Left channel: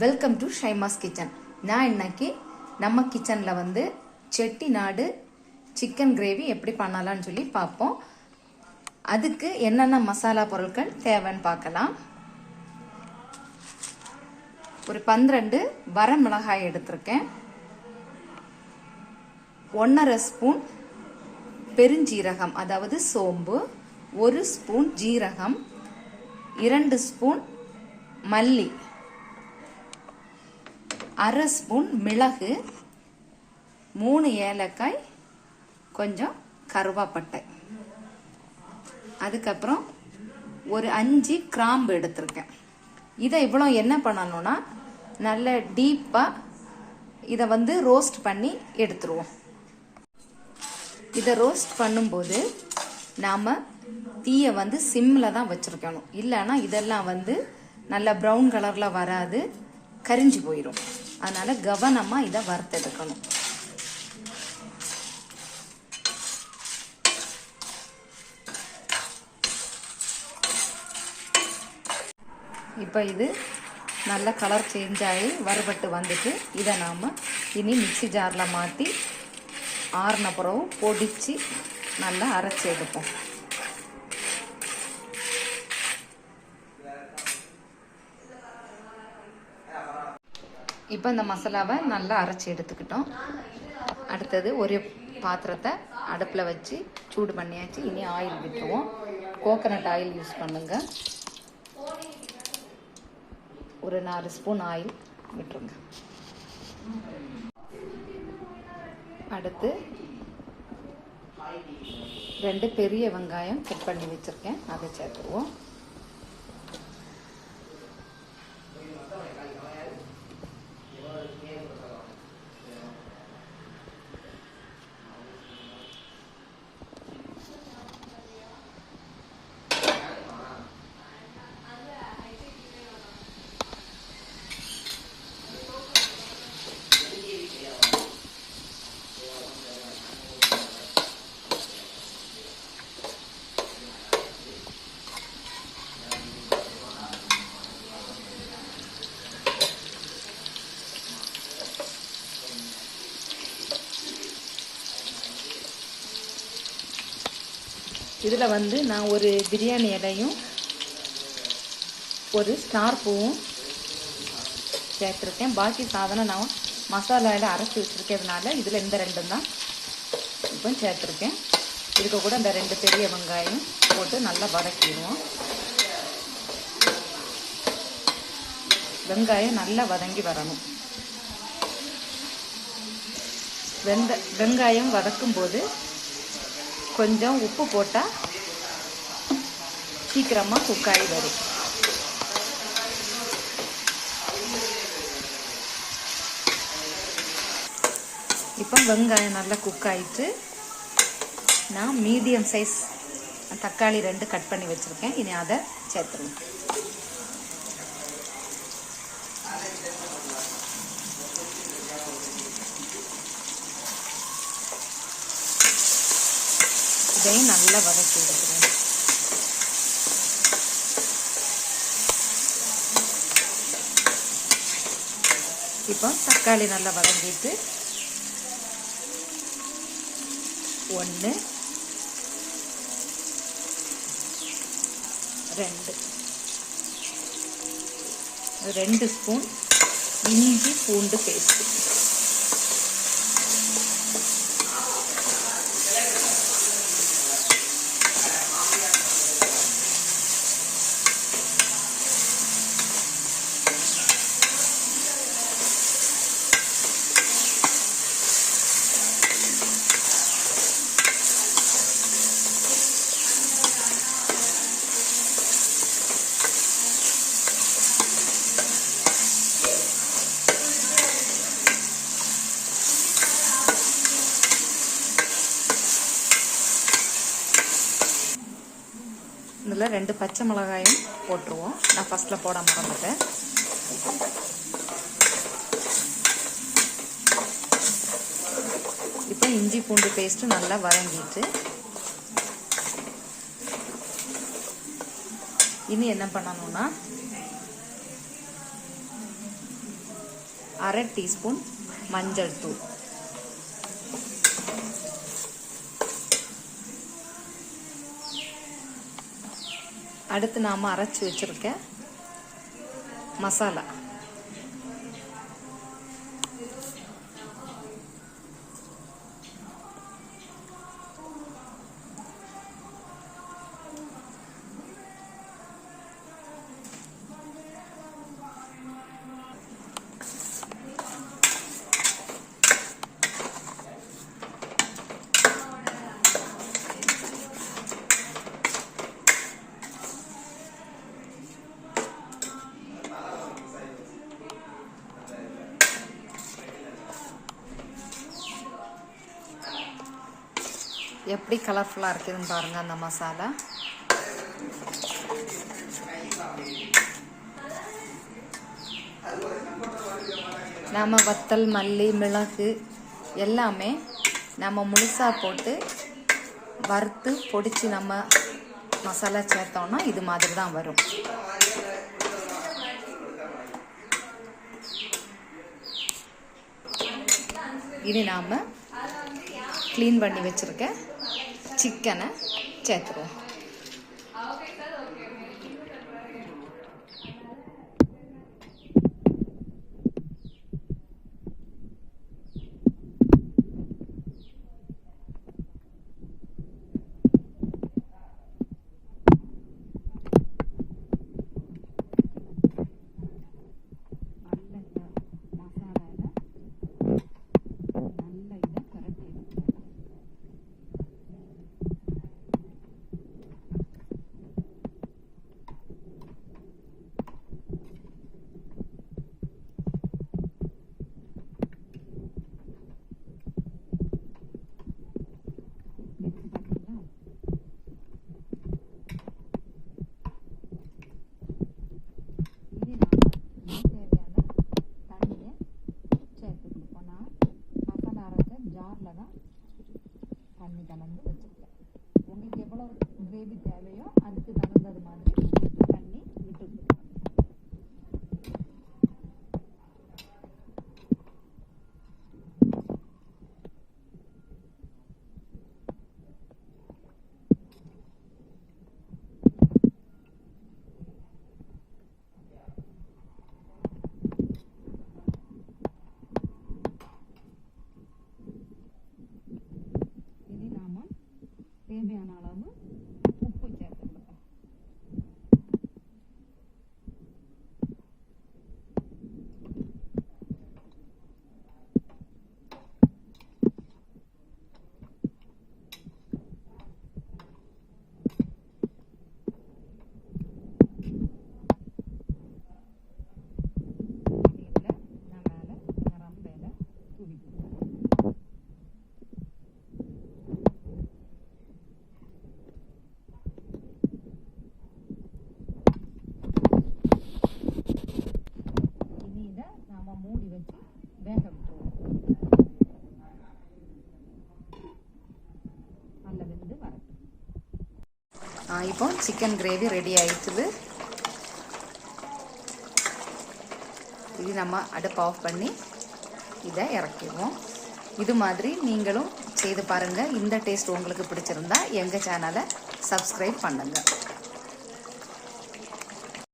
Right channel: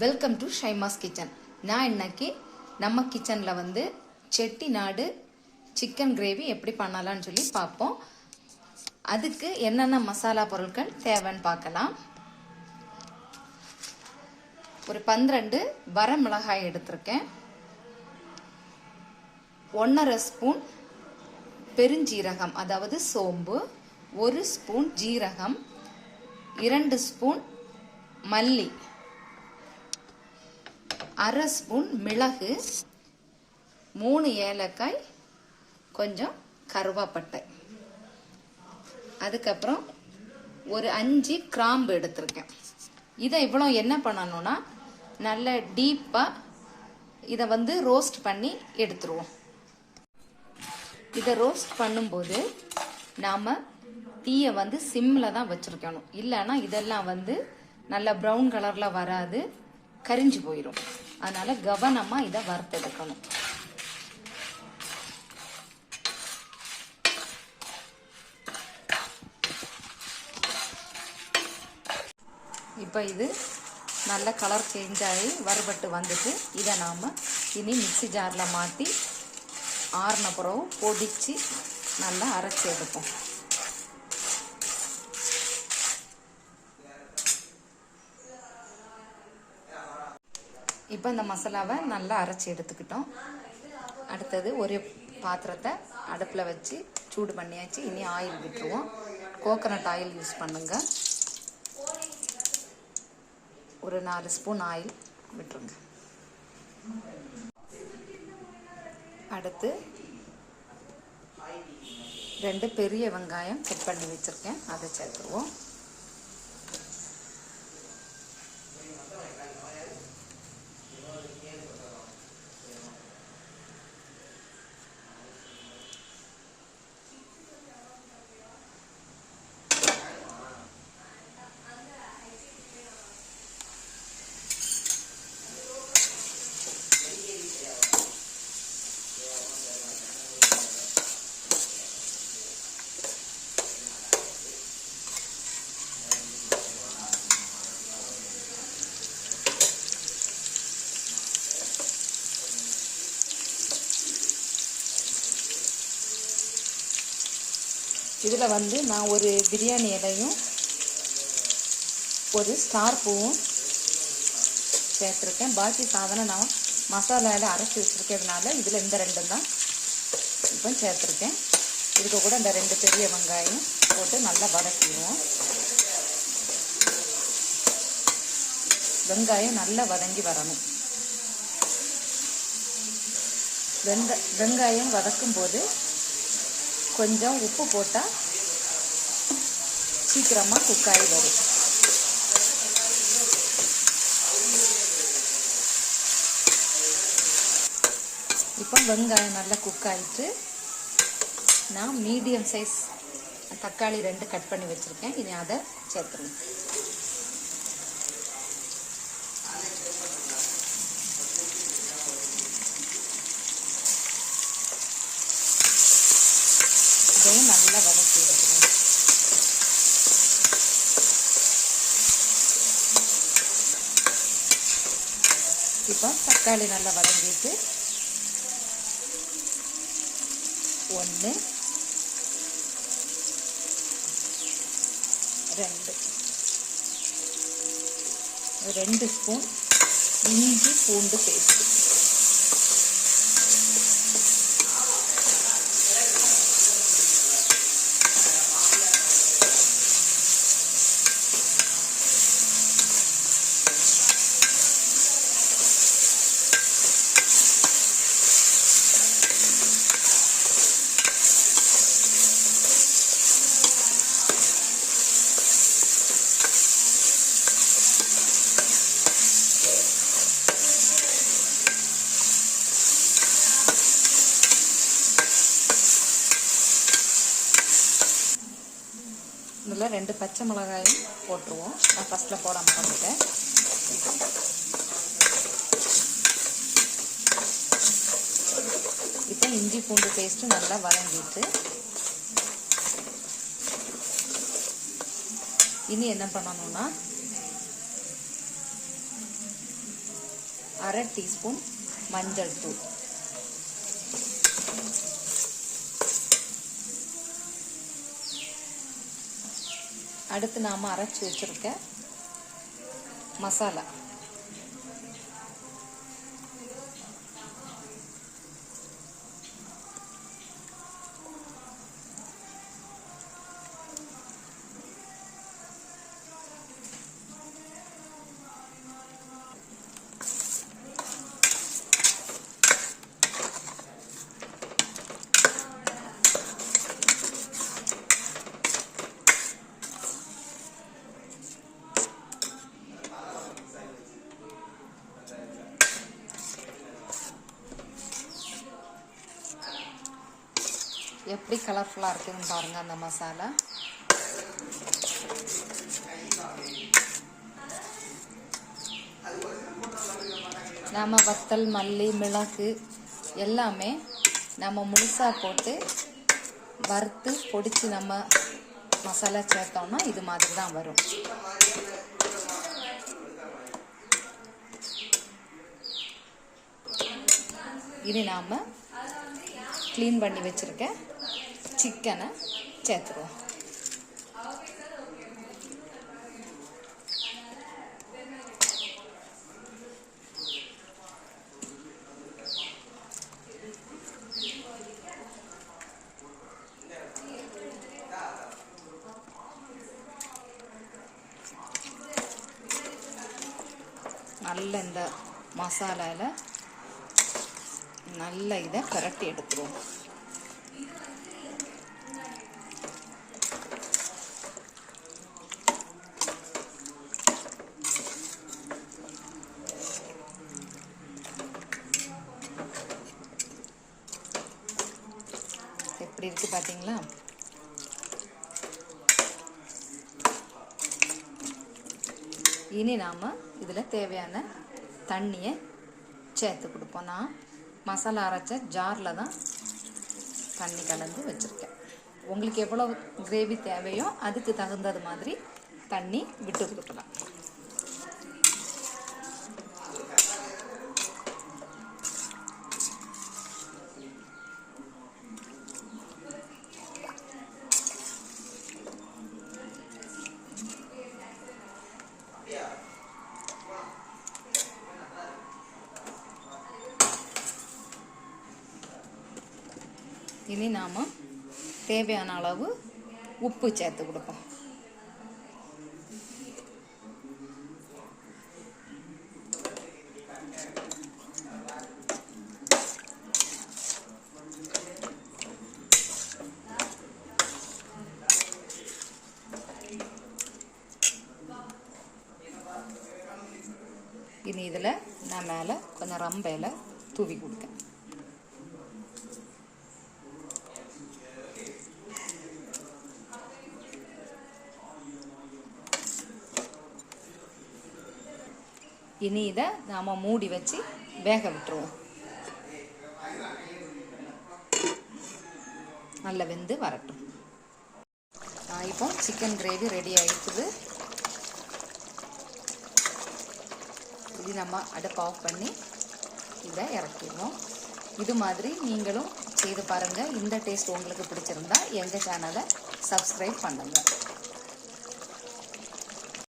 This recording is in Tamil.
Welcome to ஷைமாஸ் kitchen. நான் இன்னைக்கு நம்ம கிச்சனில் வந்து செட்டிநாடு சிக்கன் கிரேவி எப்படி பண்ணலாம்னு சொல்லி பார்ப்போம். அதுக்கு என்னென்ன மசாலா பொருட்கள் தேவைன்னு பார்க்கலாம். ஒரு 12 வரமிளகாய் எடுத்திருக்கேன். 1.5 ஸ்பூன் பெருஞ்சீரகம் அதாவது சோம்பு, 1 ஸ்பூன் ஜீரகம், 2 ஸ்பூன் மல்லி, 1/2 ஸ்பூன் மிளகு, 3 ஏலக்காய், கொஞ்சம் கருவேப்பட்டை, அதுக்கப்புறம் ஒரு 5 கிராம்பு எடுத்திருக்கேன். இதை இவ்வளோ என்ன பண்ணணும்னா நல்ல டீப்பாக இதை வந்து ரோஸ்ட் பண்ணி எடுத்துருவோம். இதை ரோஸ்ட் பண்ணும்போது நாம் தீயை வந்து சிம்மில் தான் வச்சுருக்கணும். இல்லைன்னா இதெல்லாம் வந்து நல்ல ப்ரௌன் கலரில் வராது, கரிஞ்சு போயிடும். அதனால் கவனமாக இதை வறுத்தெடுக்கணும். இப்போ இது நல்ல கலர் சேஞ்ச் ஆகி வறுபட்டு வந்துட்டு இதை நாம் இனி மிக்ஸி ஜாரில் மாற்றி ஆறின பிறகு பொடிச்சு நல்லா அரைச்சி எடுப்போம். இப்போ இந்த மசாலாவை நல்லா அரைச்சி எடுத்துக்கிட்டோம். அடுத்தது ஒரு பாத்திரத்தை அடுப்பில் வச்சு சூடு பண்ணியாச்சு. இனி ஆயில் விட்டுருவோம். கோகனட் ஆயில் யூஸ் பண்ணுங்க. ஒரு 4 ஸ்பூன் ஆயில் விட்டுருங்க. அடுத்து 2 பெரிய வெங்காயம் கட் பண்ணி வச்சுருக்கேன், அதை சேர்த்துருவோம். இதில் வந்து நான் ஒரு பிரியாணி இலையும் ஒரு ஸ்டார் பூவும் சேர்த்துருக்கேன். பாக்கி சாதனம் நான் மசாலாவில் அரைச்சி வச்சுருக்கிறதுனால இதில் இந்த 2 தான் இப்போ சேர்த்துருக்கேன். இதுக்கு கூட இந்த 2 பெரிய வெங்காயம் போட்டு நல்லா வதக்கிடுவோம். வெங்காயம் நல்லா வதங்கி வரணும். வெங்காயம் வதக்கும் போது கொஞ்சம் உப்பு போட்டால் சீக்கிரமாக குக்காகி வரும். இப்போ வெங்காயம் நல்லா குக் ஆயிட்டு நான் மீடியம் சைஸ் தக்காளி 2 கட் பண்ணி வச்சுருக்கேன். இனி அதை சேர்த்துருவோம். இதையும் நல்லா வதக்கி எடுத்துருவோம். இப்போ தக்காளி நல்லா வதங்கிட்டு 1 2 ஸ்பூன் இஞ்சி பூண்டு பேஸ்ட், இதில் 2 பச்சை மிளகாயும் போட்டுருவோம். நான் ஃபஸ்ட்டில் போட மறந்துட்டேன். இப்போ இஞ்சி பூண்டு பேஸ்ட்டு நல்லா வதங்கிட்டு இனி என்ன பண்ணணும்னா 1/2 டீஸ்பூன் மஞ்சள் தூள், அடுத்து நாம் அரைச்சி வச்சிருக்க மசாலா, எப்படி கலர்ஃபுல்லாக இருக்குதுன்னு பாருங்க அந்த மசாலா. நம்ம வத்தல், மல்லி, மிளகு எல்லாமே நம்ம முழுசாக போட்டு வறுத்து பொடிச்சு நம்ம மசாலா சேர்த்தோம்னா இது மாதிரி தான் வரும். இனி நாம் க்ளீன் பண்ணி வச்சிருக்க சிக்கனை சேர்த்துருவோம். நல்ல இந்த மசாலாவில் நல்ல இதை கரட்டி எடுத்துருவோம். எப்படி இருக்கு பார்த்தீங்களா? இனி நாம் இதில் தேவையான தண்ணியை சேர்த்து கொடுப்போம். நான் மசாலா அரைச்ச ஜாரில் தான் தண்ணி கலந்து வச்சுருக்கேன். உங்களுக்கு எவ்வளோ கிரேவி தேவையோ அதுக்கு தகுந்தது மாதிரி தண்ணி விட்டு கொடுக்கலாம். இனி நாம் தேவையான அளவு உப்பு சேர்த்து கொடுப்போம். இனி இதில் நான் மேலே கொஞ்சம் ரம்பையில் தூவி கொடுக்கேன். இனி இதை நாம் மூடி வச்சு வேக விட்டுருவோம். நல்லா வெந்து வரட்டும். இப்போ சிக்கன் கிரேவி ரெடி ஆயிடுச்சு. இது நம்ம அடுப்பு ஆஃப் பண்ணி இதை இறக்கிடுவோம். இது மாதிரி நீங்களும் செய்து பாருங்கள். இந்த டேஸ்ட் உங்களுக்கு பிடிச்சிருந்தா எங்கள் சேனலை சப்ஸ்கிரைப் பண்ணுங்கள்.